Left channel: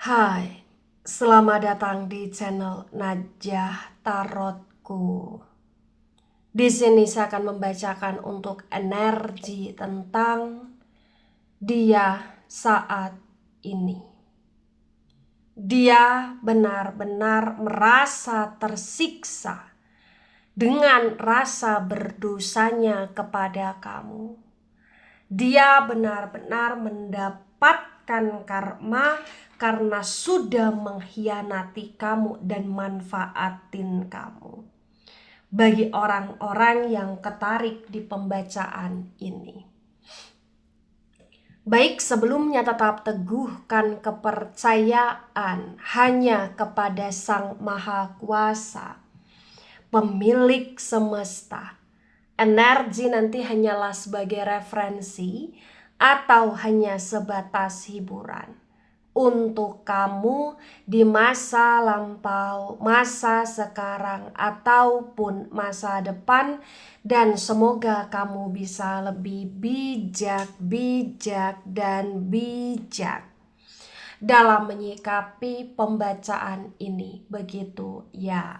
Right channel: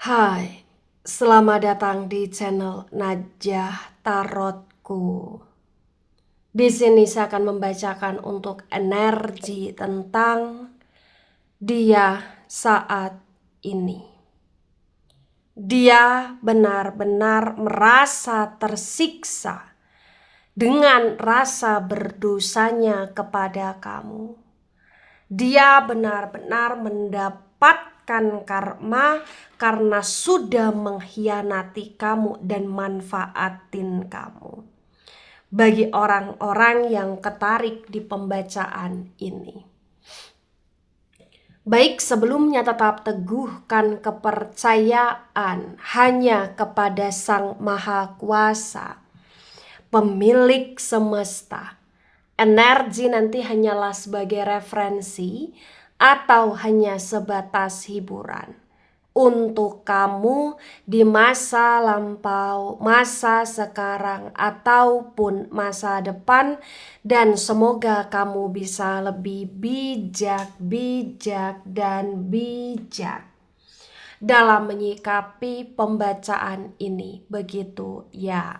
Hai, selamat datang di channel Najah Tarotku. Di sini saya akan membacakan untuk energi tentang dia saat ini. Dia benar-benar merasa tersiksa dengan rasa berdosanya kepada kamu. Dia benar-benar mendapatkan karma karena sudah mengkhianati kamu dan manfaatin kamu. Bagi orang-orang yang tertarik di pembacaan ini, baik sebelumnya tetap teguhkan kepercayaan hanya kepada Sang Maha Kuasa, pemilik semesta. Energi nanti hanyalah sebagai referensi atau hanya sebatas hiburan untuk kamu di masa lampau, masa sekarang, ataupun masa depan, dan semoga kamu bisa lebih bijak dan bijak dalam menyikapi pembacaan ini, begitu ya.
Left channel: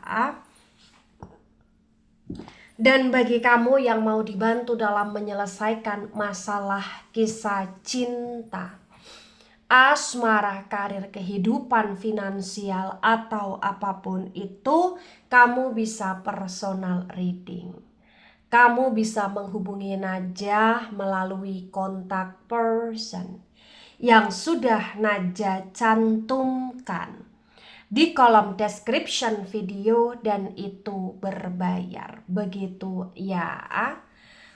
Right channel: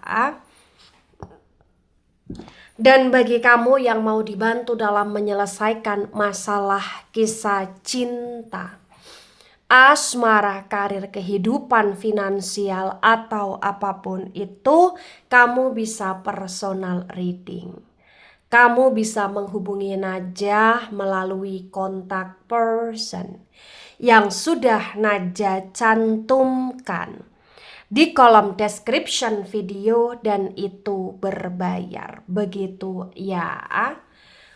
Dan bagi kamu yang mau dibantu dalam menyelesaikan masalah kisah cinta, asmara, karir, kehidupan finansial, atau apapun itu, kamu bisa personal reading. Kamu bisa menghubungi Najah melalui kontak person yang sudah Najah cantumkan di kolom description video, dan itu berbayar, begitu ya.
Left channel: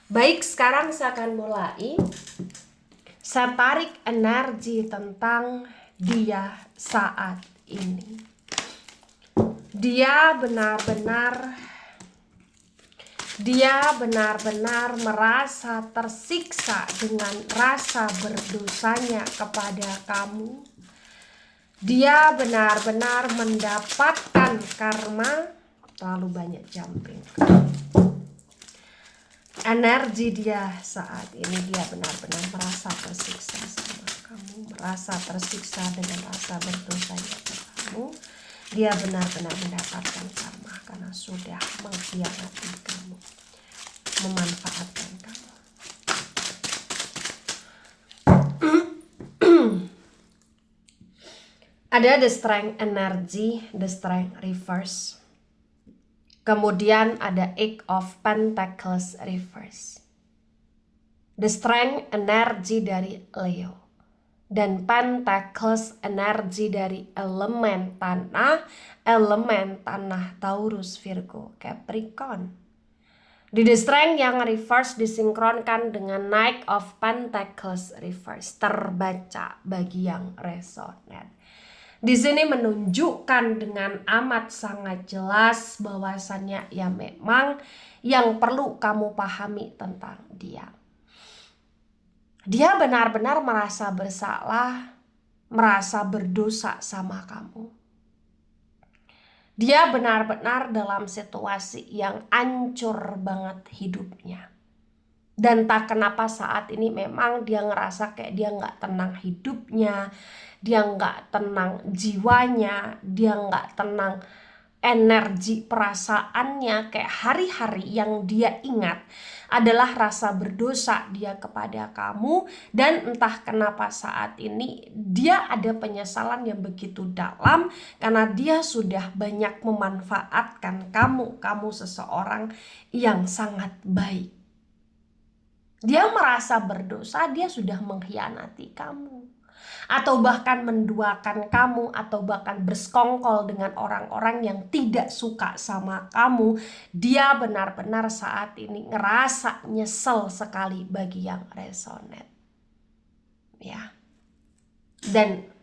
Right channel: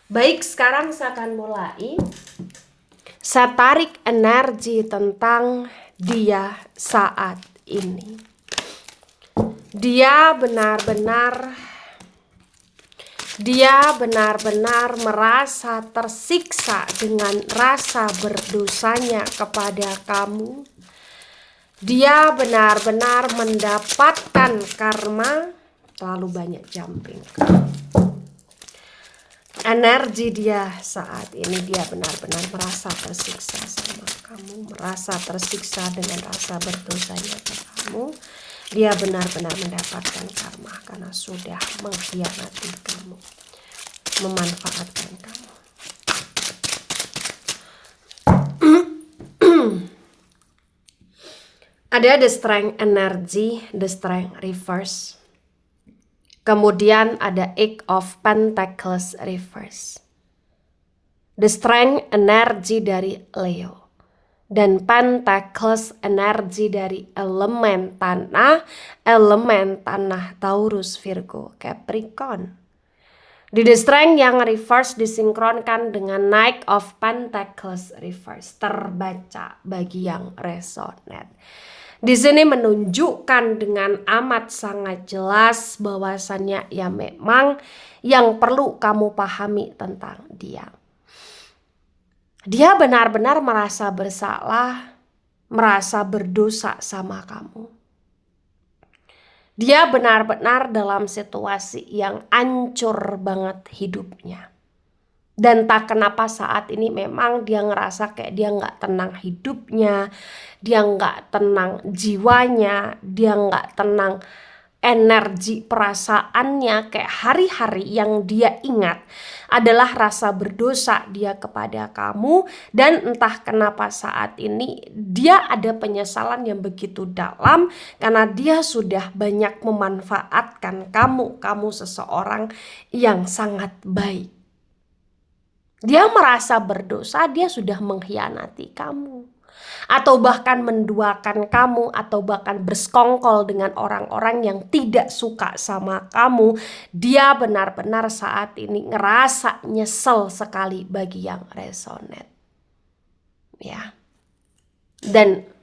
Baik, sekarang saya akan mulai. Saya tarik energi tentang dia saat ini. Dia benar-benar merasa tersiksa dengan rasa berdosanya kepada kamu. Dia benar-benar mendapatkan karma. Terlalu banyak jumping. Energi dia saat ini, dia benar-benar merasa tersiksa sama kamu, merasa tersiksa dengan rasa berdosanya ke kamu. Dia benar-benar mendapatkan karma karena sudah mengkhianati kamu, memanfaatkan kamu. Ada the strength energy, the strength reverse. Kemudian ada Eight of Pentacles reverse. The strength energi dari Leo. Dan Pentacles energi dari elemen tanah Taurus, Virgo, Capricorn. Di the strength yang reverse disinkronkan dengan Knight of Pentacles reverse. Terbaca bagi yang resonate. Di sini menunjukkan dengan amat sangat jelas bahwasannya ya memang yang perlu kamu pahami tentang dia. Dia benar-benar merasa bersalah, merasa berdosa sama kamu. Dia benar-benar dalam situasi yang hancur banget hidupnya. Dan tak kenapa saat ini memang dia ngerasa kayak dia nggak tenang hidupnya, dia nggak tenang jiwanya, dia nggak tenang energi perasaannya. Kayak hari-hari yang dia ingat adalah rasa berdosa dia kepada kamu. Dan entah kenapa saat ini dia ada penyesalan yang begitu dalam karena dia sudah banyak memanfaatkan kamu seseorang yang sangat baik. Dia merasa berdosa, dia sudah mengkhianati kamu. Atau bahkan menduakan kamu, atau bahkan bersekongkol dengan orang-orang yang tidak suka sama kamu. Dia benar-benar saat ini ngerasa nyesel sekali bagi yang resonate. Ya. Dan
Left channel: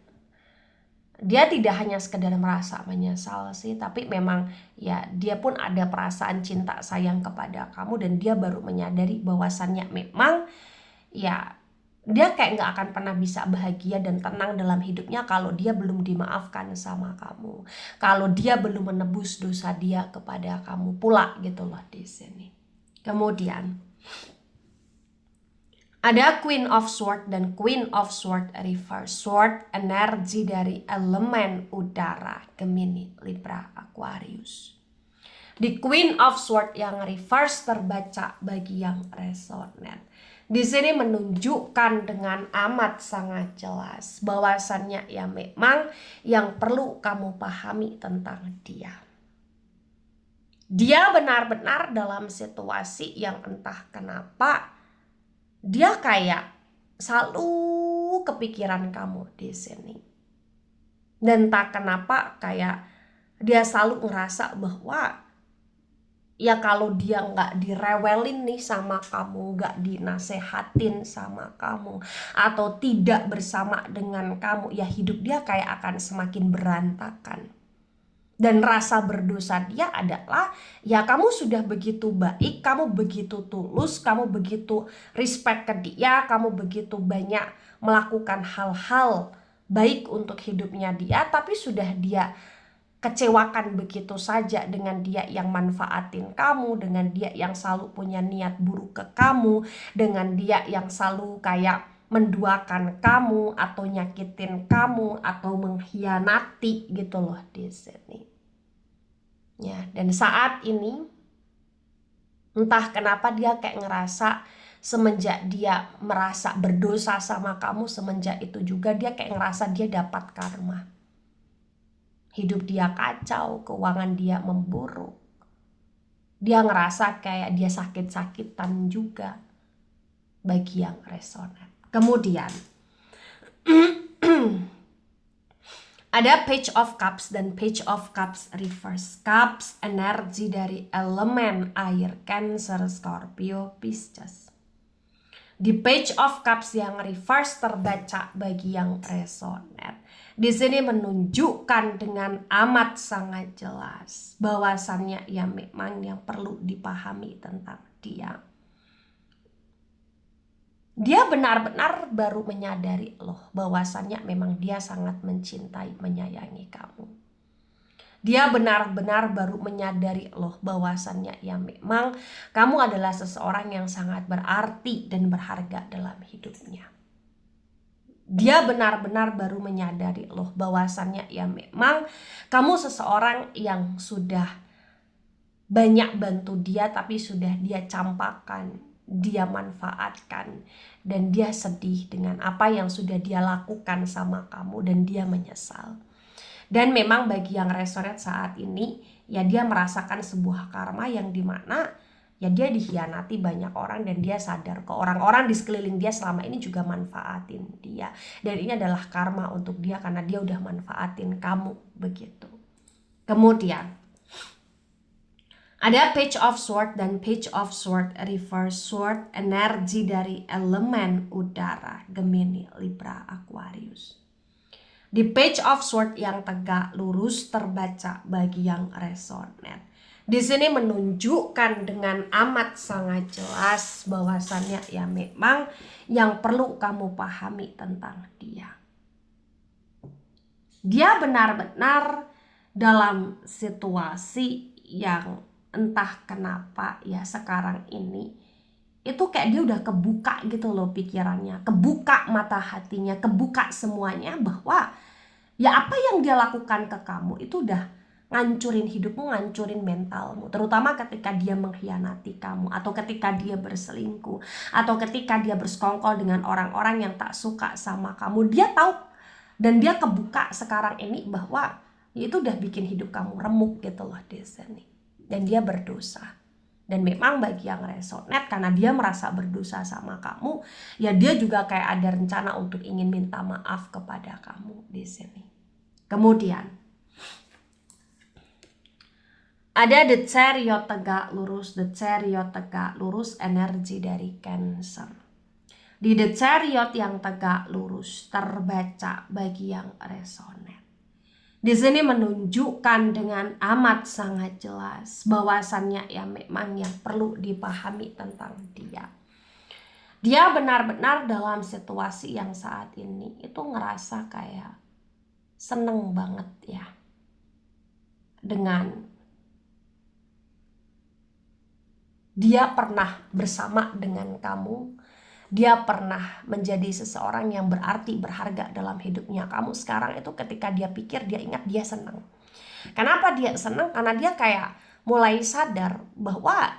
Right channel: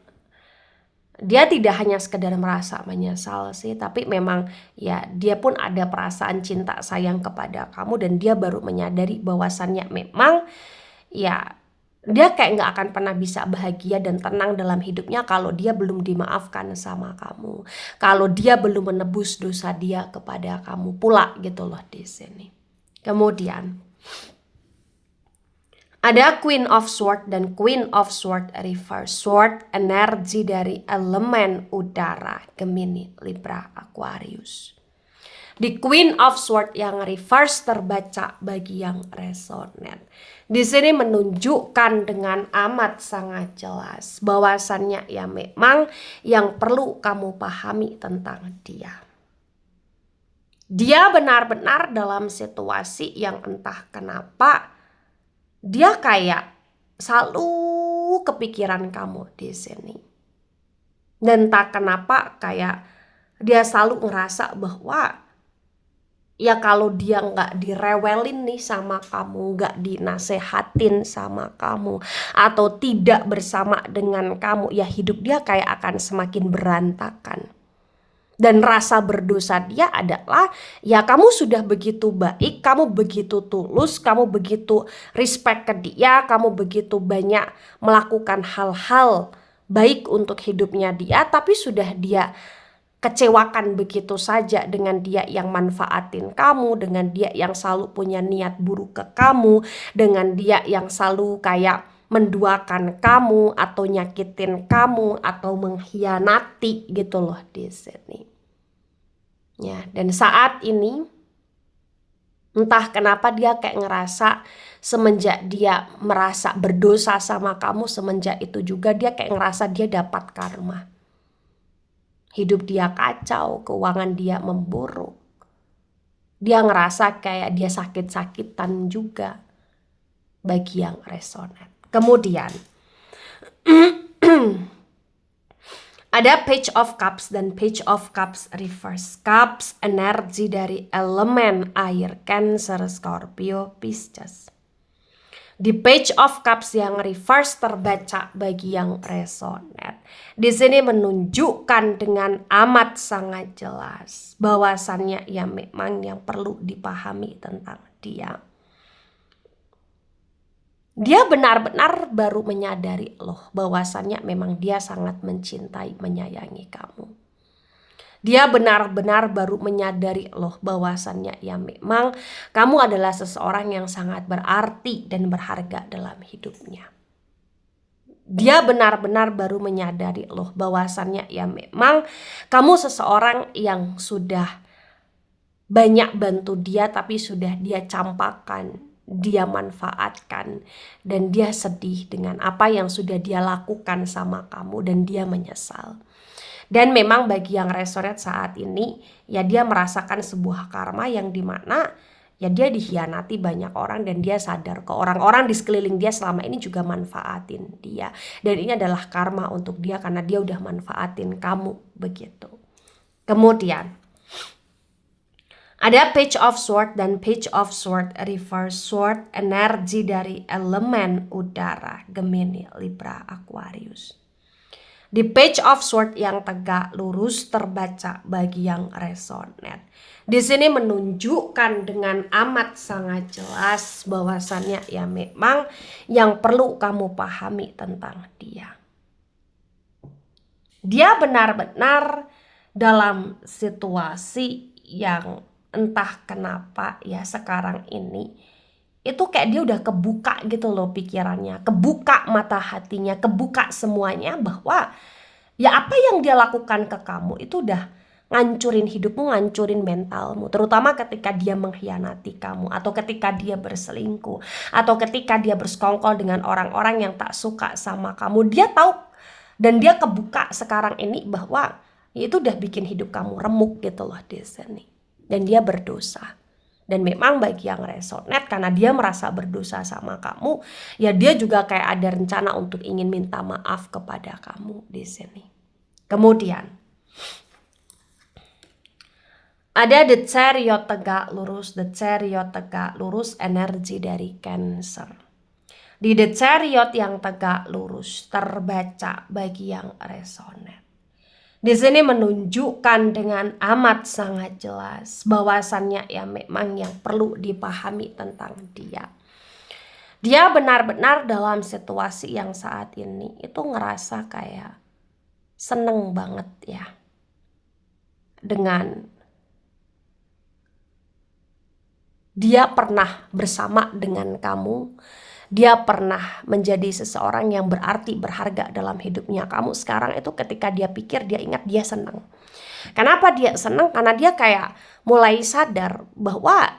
dia tidak hanya sekedar merasa menyesal sih, tapi memang ya dia pun ada perasaan cinta sayang kepada kamu. Dan dia baru menyadari bahwasannya memang ya dia kayak nggak akan pernah bisa bahagia dan tenang dalam hidupnya kalau dia belum dimaafkan sama kamu, kalau dia belum menebus dosa dia kepada kamu pula gitu loh di sini. Kemudian Ada Queen of Sword dan Queen of Sword reverse. Sword energi dari elemen udara, Gemini, Libra, Aquarius. Di Queen of Sword yang reverse terbaca bagi yang resonate. Di sini menunjukkan dengan amat sangat jelas bahwasannya ya memang yang perlu kamu pahami tentang dia. Dia benar-benar dalam situasi yang entah kenapa dia kayak selalu kepikiran kamu di sini. Dan tak kenapa kayak dia selalu ngerasa bahwa ya kalau dia nggak direwelin nih sama kamu, nggak dinasehatin sama kamu, atau tidak bersama dengan kamu, ya hidup dia kayak akan semakin berantakan. Dan rasa berdosa dia adalah ya kamu sudah begitu baik, kamu begitu tulus, kamu begitu respect ke dia, kamu begitu banyak melakukan hal-hal baik untuk hidupnya dia, tapi sudah dia kecewakan begitu saja dengan dia yang manfaatin kamu, dengan dia yang selalu punya niat buruk ke kamu, dengan dia yang selalu kayak menduakan kamu atau nyakitin kamu atau mengkhianati gitu loh di sini. Ya, dan saat ini entah kenapa dia kayak ngerasa semenjak dia merasa berdosa sama kamu, semenjak itu juga dia kayak ngerasa dia dapat karma. Hidup dia kacau, keuangan dia memburuk. Dia ngerasa kayak dia sakit-sakitan juga bagi yang resonate. Kemudian ada Page of Cups dan Page of Cups reverse. Cups energi dari elemen air, Cancer, Scorpio, Pisces. Di Page of Cups yang reverse terbaca bagi yang resonate. Di sini menunjukkan dengan amat sangat jelas bahwasannya ya memang yang perlu dipahami tentang dia. Dia benar-benar baru menyadari loh bahwasannya memang dia sangat mencintai, menyayangi kamu. Dia benar-benar baru menyadari loh bahwasannya ya memang kamu adalah seseorang yang sangat berarti dan berharga dalam hidupnya. Dia benar-benar baru menyadari loh bahwasannya ya memang kamu seseorang yang sudah banyak bantu dia tapi sudah dia campakkan, dia manfaatkan, dan dia sedih dengan apa yang sudah dia lakukan sama kamu dan dia menyesal. Dan memang bagi yang resonate saat ini ya dia merasakan sebuah karma yang dimana ya dia dikhianati banyak orang dan dia sadar ke orang-orang di sekeliling dia selama ini juga manfaatin dia. Dan ini adalah karma untuk dia karena dia udah manfaatin kamu begitu. Kemudian ada Page of Sword dan Page of Sword reverse. Sword energi dari elemen udara, Gemini, Libra, Aquarius. Di Page of Sword yang tegak lurus terbaca bagi yang resonate. Di sini menunjukkan dengan amat sangat jelas bahwasannya ya memang yang perlu kamu pahami tentang dia. Dia benar-benar dalam situasi yang entah kenapa ya sekarang ini itu kayak dia udah kebuka gitu loh pikirannya, kebuka mata hatinya, kebuka semuanya bahwa ya apa yang dia lakukan ke kamu itu udah ngancurin hidupmu, ngancurin mentalmu, terutama ketika dia mengkhianati kamu atau ketika dia berselingkuh atau ketika dia bersekongkol dengan orang-orang yang tak suka sama kamu. Dia tahu dan dia kebuka sekarang ini bahwa ya itu udah bikin hidup kamu remuk gitu loh di sini. Dan dia berdosa. Dan memang bagi yang resonate karena dia merasa berdosa sama kamu, ya dia juga kayak ada rencana untuk ingin minta maaf kepada kamu di sini. Kemudian ada The Chariot tegak lurus, The Chariot tegak lurus energi dari Cancer. Di The Chariot yang tegak lurus terbaca bagi yang resonate. Di sini menunjukkan dengan amat sangat jelas bahwasannya ya memang yang perlu dipahami tentang dia. Dia benar-benar dalam situasi yang saat ini itu ngerasa kayak seneng banget ya dengan dia pernah bersama dengan kamu dia pernah menjadi seseorang yang berarti, berharga dalam hidupnya kamu sekarang itu ketika dia pikir, dia ingat, dia senang. Kenapa dia senang? Karena dia kayak mulai sadar bahwa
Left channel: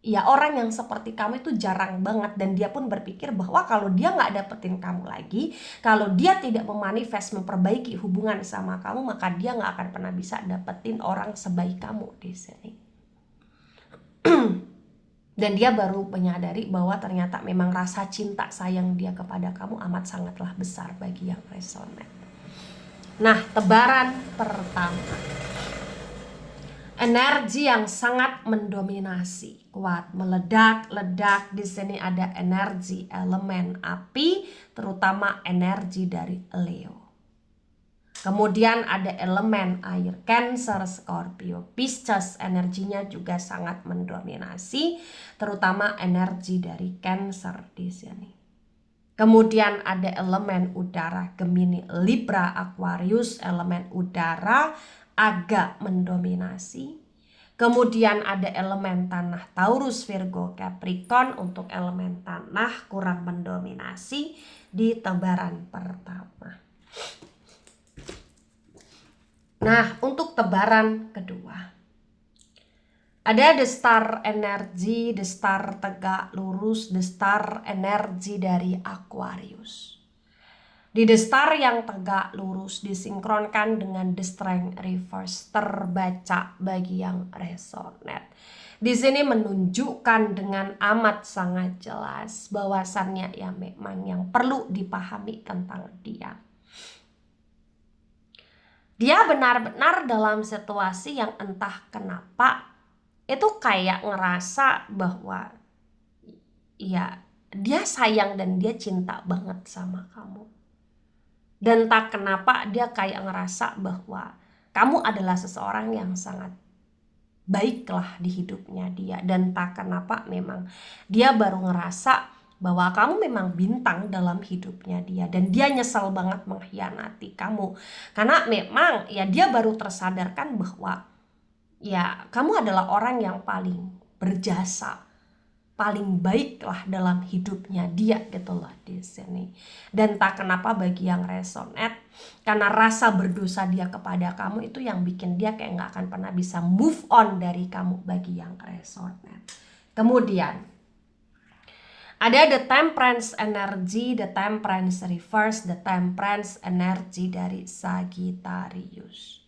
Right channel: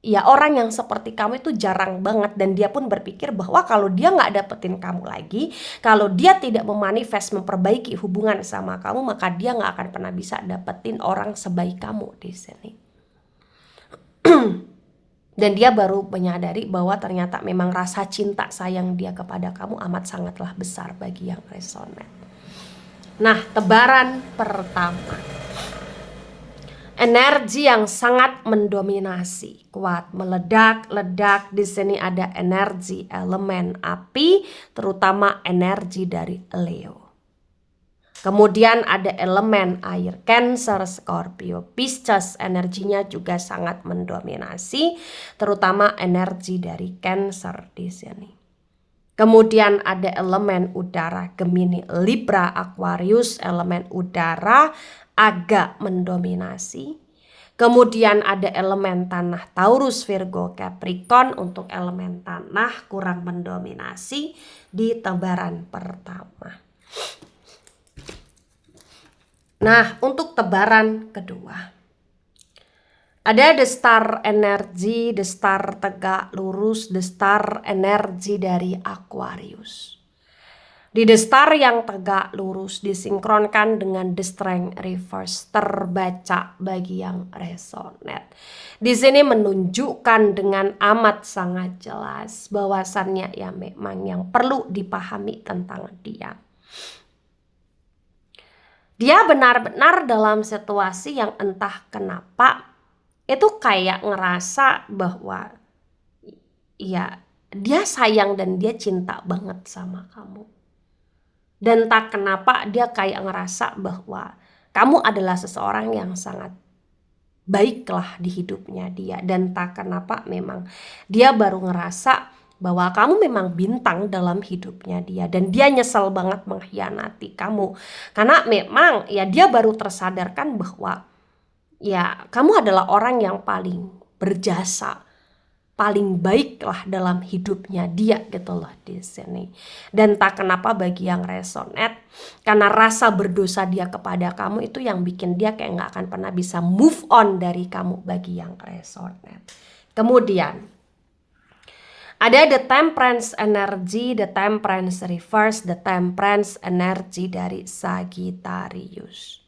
ya orang yang seperti kamu itu jarang banget, dan dia pun berpikir bahwa kalau dia nggak dapetin kamu lagi, kalau dia tidak memanifest memperbaiki hubungan sama kamu, maka dia nggak akan pernah bisa dapetin orang sebaik kamu di sini. Dan dia baru menyadari bahwa ternyata memang rasa cinta sayang dia kepada kamu amat sangatlah besar bagi yang resonate. Nah, tebaran pertama, energi yang sangat mendominasi, kuat, meledak-ledak. Di sini ada energi elemen api, terutama energi dari Leo. Kemudian ada elemen air, Cancer, Scorpio, Pisces, energinya juga sangat mendominasi, terutama energi dari Cancer di sini. Kemudian ada elemen udara, Gemini, Libra, Aquarius, elemen udara agak mendominasi. Kemudian ada elemen tanah, Taurus, Virgo, Capricorn. Untuk elemen tanah kurang mendominasi di tebaran pertama. Nah, untuk tebaran kedua, ada the star energi, the star tegak lurus, the star energi dari Aquarius. Di the star yang tegak lurus disinkronkan dengan the strength reverse, terbaca bagi yang resonate. Di sini menunjukkan dengan amat sangat jelas bahwasannya ya memang yang perlu dipahami tentang dia. Dia benar-benar dalam situasi yang entah kenapa itu kayak ngerasa bahwa ya dia sayang dan dia cinta banget sama kamu. Dan tak kenapa dia kayak ngerasa bahwa kamu adalah seseorang yang sangat baiklah di hidupnya dia. Dan tak kenapa memang dia baru ngerasa bahwa kamu memang bintang dalam hidupnya dia, dan dia nyesel banget mengkhianati kamu karena memang ya dia baru tersadarkan bahwa ya kamu adalah orang yang paling berjasa, paling baik lah dalam hidupnya dia gitu loh di sini. Dan tak kenapa bagi yang resonate, karena rasa berdosa dia kepada kamu itu yang bikin dia kayak nggak akan pernah bisa move on dari kamu bagi yang resonate. Kemudian ada the temperance energy, the temperance reverse, the temperance energy dari Sagittarius.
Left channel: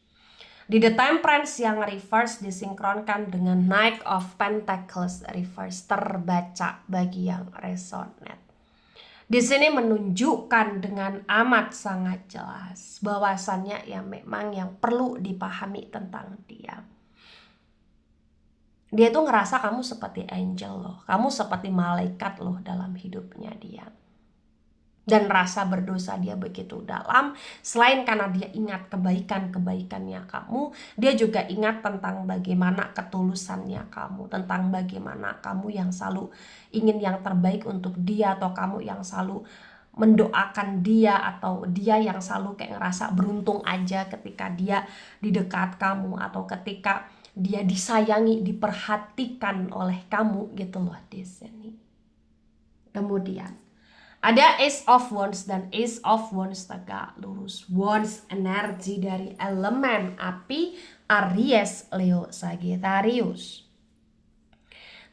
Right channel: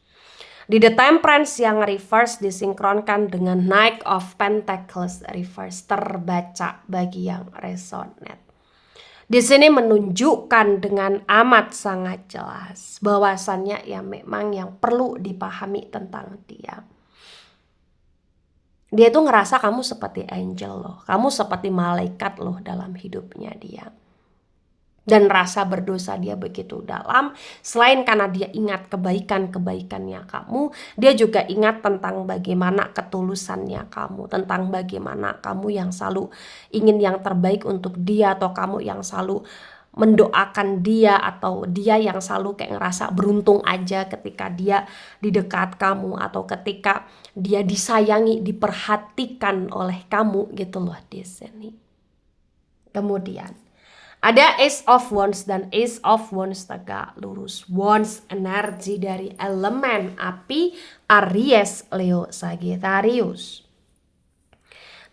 Di the temperance yang reverse disinkronkan dengan Knight of Pentacles reverse, terbaca bagi yang resonate. Di sini menunjukkan dengan amat sangat jelas bahwasannya ya memang yang perlu dipahami tentang dia. Dia tuh ngerasa kamu seperti angel loh, kamu seperti malaikat loh dalam hidupnya dia. Dan rasa berdosa dia begitu dalam, selain karena dia ingat kebaikan-kebaikannya kamu, dia juga ingat tentang bagaimana ketulusannya kamu, tentang bagaimana kamu yang selalu ingin yang terbaik untuk dia, atau kamu yang selalu mendoakan dia, atau dia yang selalu kayak ngerasa beruntung aja ketika dia di dekat kamu, atau ketika dia disayangi, diperhatikan oleh kamu gitu loh di sini. Kemudian ada Ace of Wands dan Ace of Wands tegak lurus. Wands energi dari elemen api, Aries, Leo, Sagittarius.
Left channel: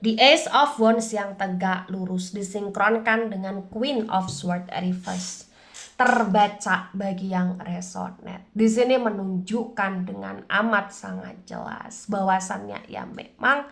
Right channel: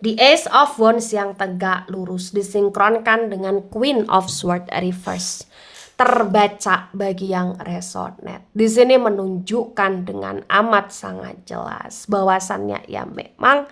Di Ace of Wands yang tegak lurus disinkronkan dengan Queen of Swords reverse, terbaca bagi yang resonate. Di sini menunjukkan dengan amat sangat jelas bahwasannya ya memang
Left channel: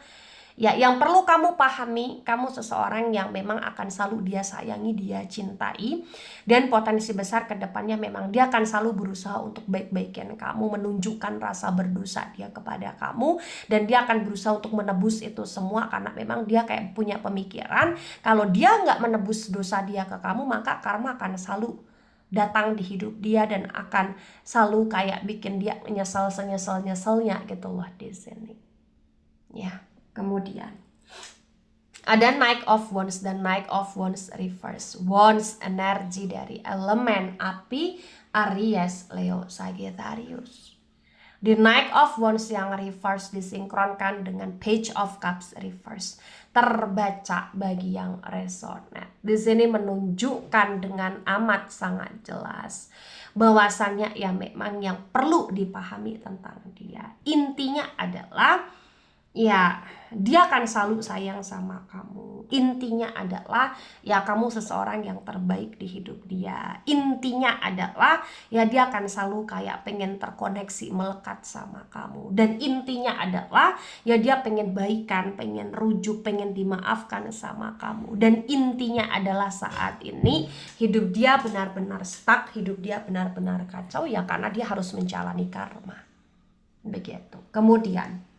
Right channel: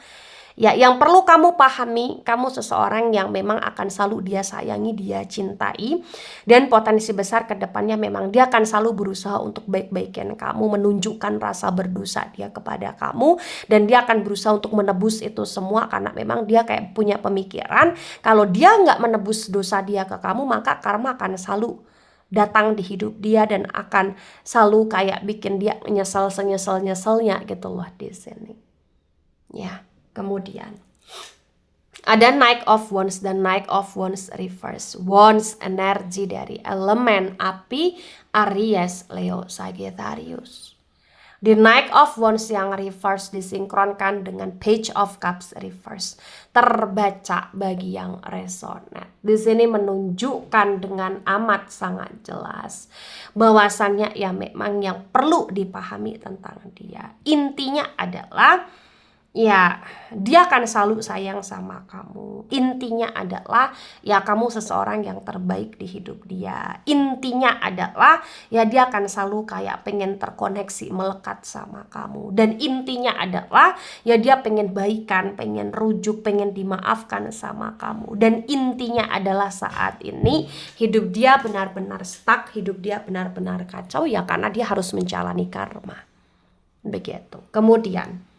ya yang perlu kamu pahami, kamu seseorang yang memang akan selalu dia sayangi, dia cintai, dan potensi besar ke depannya memang dia akan selalu berusaha untuk baik-baikin kamu, menunjukkan rasa berdosa dia kepada kamu, dan dia akan berusaha untuk menebus itu semua karena memang dia kayak punya pemikiran kalau dia nggak menebus dosa dia ke kamu, maka karma akan selalu datang di hidup dia dan akan selalu kayak bikin dia nyesel senyesel-nyeselnya gitu loh di sini. Ya. Kemudian ada Knight of Wands dan Knight of Wands reverse. Wands energi dari elemen api, Aries, Leo, Sagittarius. The Knight of Wands yang reverse disinkronkan dengan Page of Cups reverse. Terbaca bagi yang resonate. Di sini menunjukkan dengan amat sangat jelas bahwasannya ya memang yang perlu dipahami tentang dia. Intinya adalah ya, dia akan selalu sayang sama kamu. Intinya adalah ya kamu seseorang yang terbaik di hidup dia. Intinya adalah ya dia akan selalu kayak pengen terkoneksi, melekat sama kamu. Dan intinya adalah ya dia pengen baikan, pengen rujuk, pengen dimaafkan sama kamu. Dan intinya adalah saat ini hidup dia benar-benar stuck, hidup dia benar-benar kacau ya karena dia harus menjalani karma. Begitu. Kemudian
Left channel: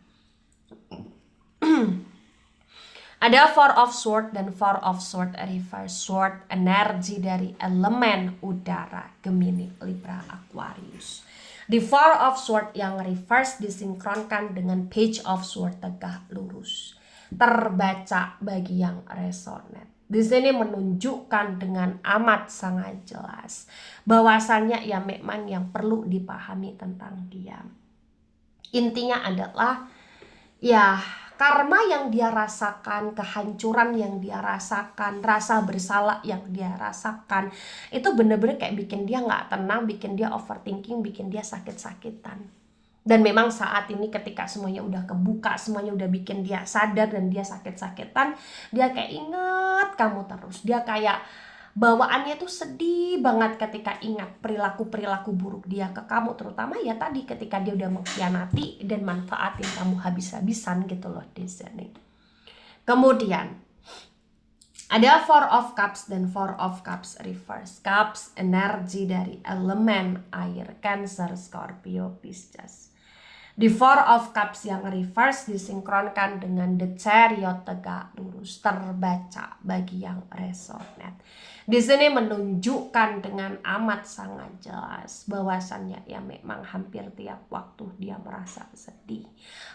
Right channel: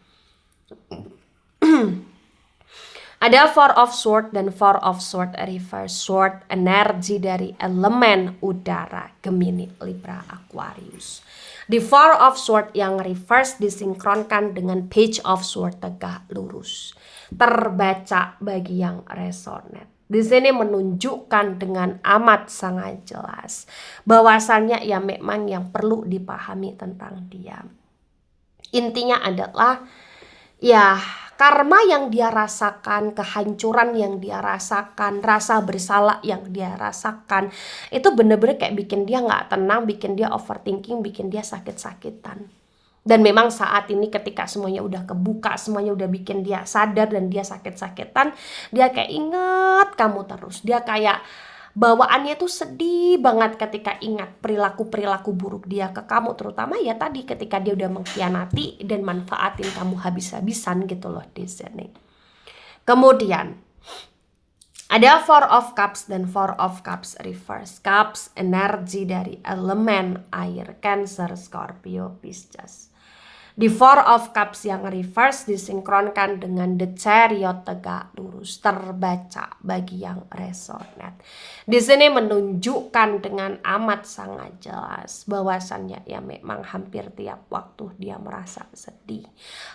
ada Four of Swords dan Four of Swords reverse. Sword energi dari elemen udara, Gemini, Libra, Aquarius. Di Four of Swords yang reverse disinkronkan dengan Page of Swords tegak lurus. Terbaca bagi yang resonate. Di sini menunjukkan dengan amat sangat jelas bahwasannya ya memang yang perlu dipahami tentang dia. Intinya adalah ya karma yang dia rasakan, kehancuran yang dia rasakan, rasa bersalah yang dia rasakan, itu bener-bener kayak bikin dia gak tenang, bikin dia overthinking, bikin dia sakit-sakitan. Dan memang saat ini ketika semuanya udah kebuka, semuanya udah bikin dia sadar dan dia sakit-sakitan, dia kayak ingat kamu terus. Dia kayak bawaannya tuh sedih banget ketika ingat perilaku-perilaku buruk dia ke kamu, terutama ya tadi ketika dia udah mengkhianati dan manfaatin kamu habis-habisan gitu loh di sini. Kemudian ada Four of Cups dan Four of Cups reverse. Cups energi dari elemen air, Cancer, Scorpio, Pisces. Di Four of Cups yang reverse disinkronkan dengan The Chariot tegak lurus, terbaca bagi yang resonate. Di sini menunjukkan dengan amat sangat jelas bahwasannya ya memang hampir tiap waktu dia merasa sedih,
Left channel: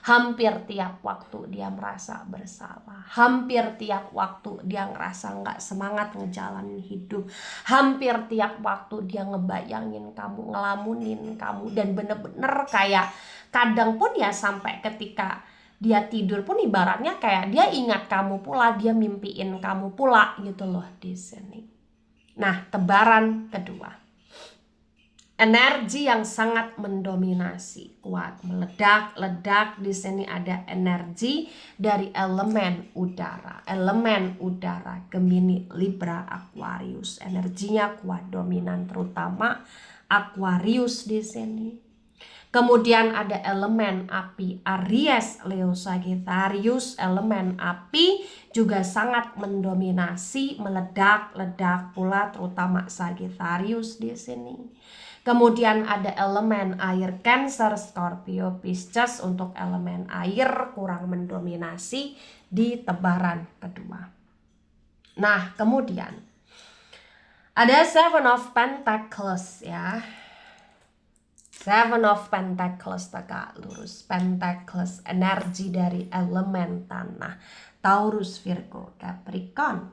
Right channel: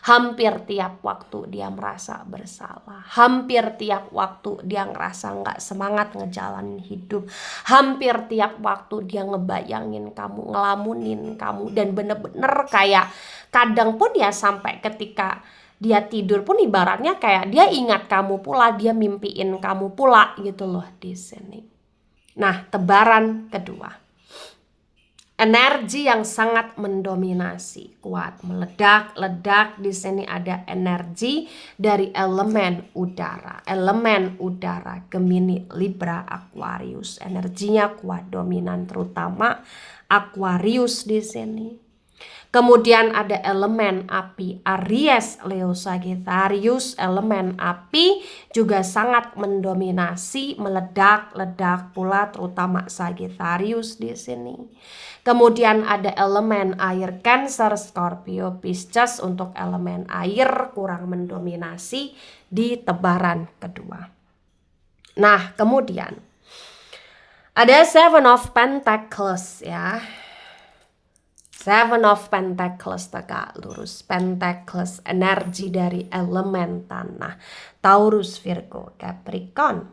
hampir tiap waktu dia merasa bersalah, hampir tiap waktu dia ngerasa nggak semangat ngejalanin hidup, hampir tiap waktu dia ngebayangin kamu, ngelamunin kamu, dan bener-bener kayak kadang pun ya sampai ketika dia tidur pun ibaratnya kayak dia ingat kamu pula, dia mimpiin kamu pula gitu loh di sini. Nah, tebaran kedua. Energi yang sangat mendominasi, kuat, meledak-ledak. Di sini ada energi dari elemen udara. Elemen udara, Gemini, Libra, Aquarius. Energinya kuat, dominan, terutama Aquarius di sini. Kemudian ada elemen api, Aries, Leo, Sagittarius. Elemen api juga sangat mendominasi, meledak-ledak pula, terutama Sagittarius di sini. Kemudian ada elemen air, Cancer, Scorpio, Pisces. Untuk elemen air kurang mendominasi di tebaran kedua. Nah, kemudian ada Seven of Pentacles ya. Seven of Pentacles tegak lurus. Pentacles energi dari elemen tanah, Taurus, Virgo, Capricorn.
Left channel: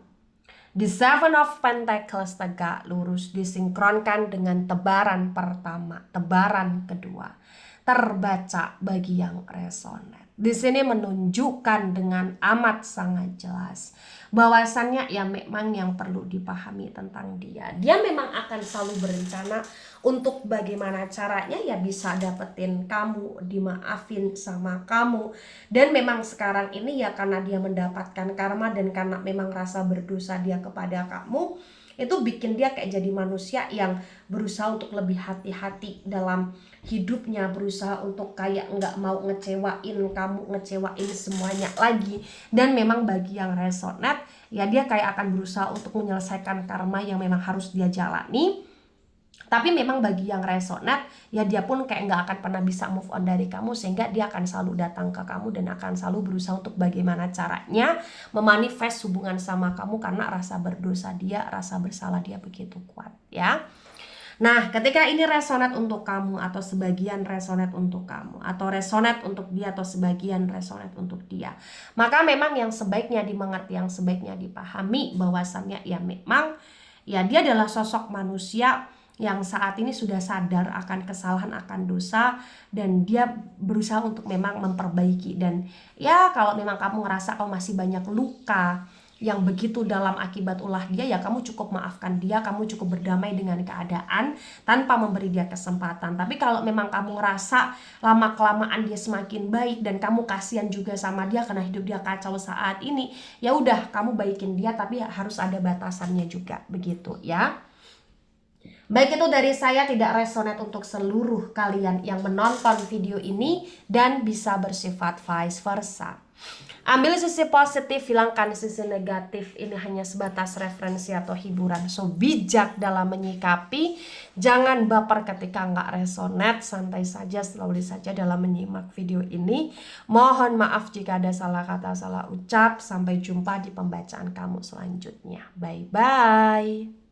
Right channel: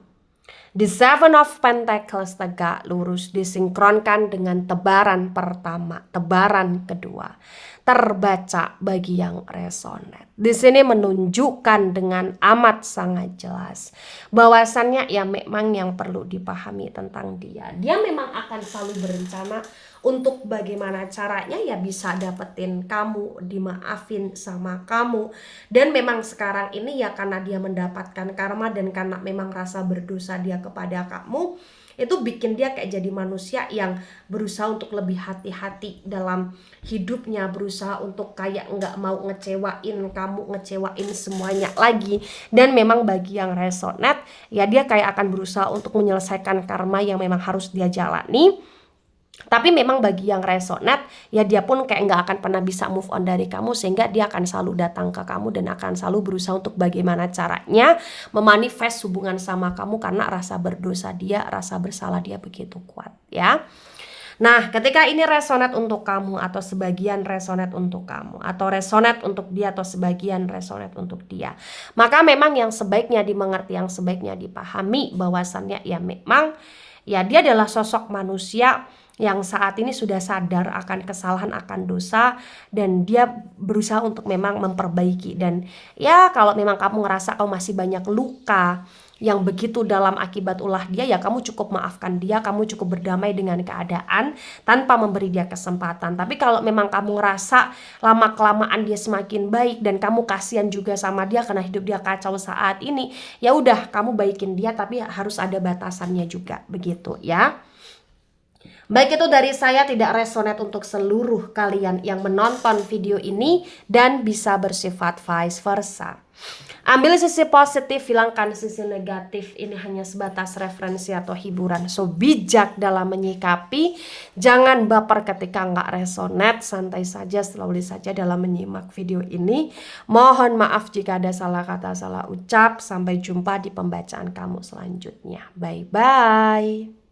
The Seven of Pentacles tegak lurus disinkronkan dengan tebaran pertama, tebaran kedua. Terbaca bagi yang resonate. Di sini menunjukkan dengan amat sangat jelas bahwasannya ya memang yang perlu dipahami tentang dia. Dia memang akan selalu berencana untuk bagaimana caranya ya bisa dapetin kamu, dimaafin sama kamu. Dan memang sekarang ini ya karena dia mendapatkan karma dan karena memang rasa berdosa dia kepada kamu, itu bikin dia kayak jadi manusia yang berusaha untuk lebih hati-hati dalam hidupnya, berusaha untuk kayak nggak mau ngecewain kamu, ngecewain semuanya lagi. Dan memang bagi yang resonate ya dia kayak akan berusaha untuk menyelesaikan karma yang memang harus dia jalani. Tapi memang bagi yang resonate ya dia pun kayak nggak akan pernah bisa move on dari kamu, sehingga dia akan selalu datang ke kamu dan akan selalu berusaha untuk bagaimana caranya memanifest hubungan sama kamu karena rasa berdosa dia, rasa bersalah dia begitu kuat ya. Nah, ketika ini resonate untuk kamu atau sebagian resonate untuk kamu, atau resonate untuk dia atau sebagian resonate untuk dia, maka memang yang sebaiknya dimengerti, yang sebaiknya dipahami bahwasannya ya memang ya dia adalah sosok manusia yang saat ini sudah sadar akan kesalahan, akan dosa, dan dia berusaha untuk memang memperbaiki. Dan ya kalau memang kamu ngerasa kamu masih banyak luka yang begitu dalam akibat ulah dia, ya kamu cukup maafkan dia, kamu cukup berdamai dengan keadaan tanpa memberi dia kesempatan. Tapi kalau memang kamu ngerasa lama kelamaan dia semakin baik dan kamu kasihan juga sama dia karena hidup dia kacau saat ini, ya udah kamu baikin dia, tapi harus ada batasannya juga, begitu ya. Baik, itu dari saya, tidak resonate untuk seluruh kalian yang menonton video ini dan bisa bersifat vice versa. Ambil sisi positif, hilangkan sisi negatif. Ini hanya sebatas referensi atau hiburan. So, bijak dalam menyikapi. Jangan baper ketika nggak resonate. Santai saja, slowly saja dalam menyimak video ini. Mohon maaf jika ada salah kata, salah ucap. Sampai jumpa di pembacaan kamu selanjutnya. Bye-bye.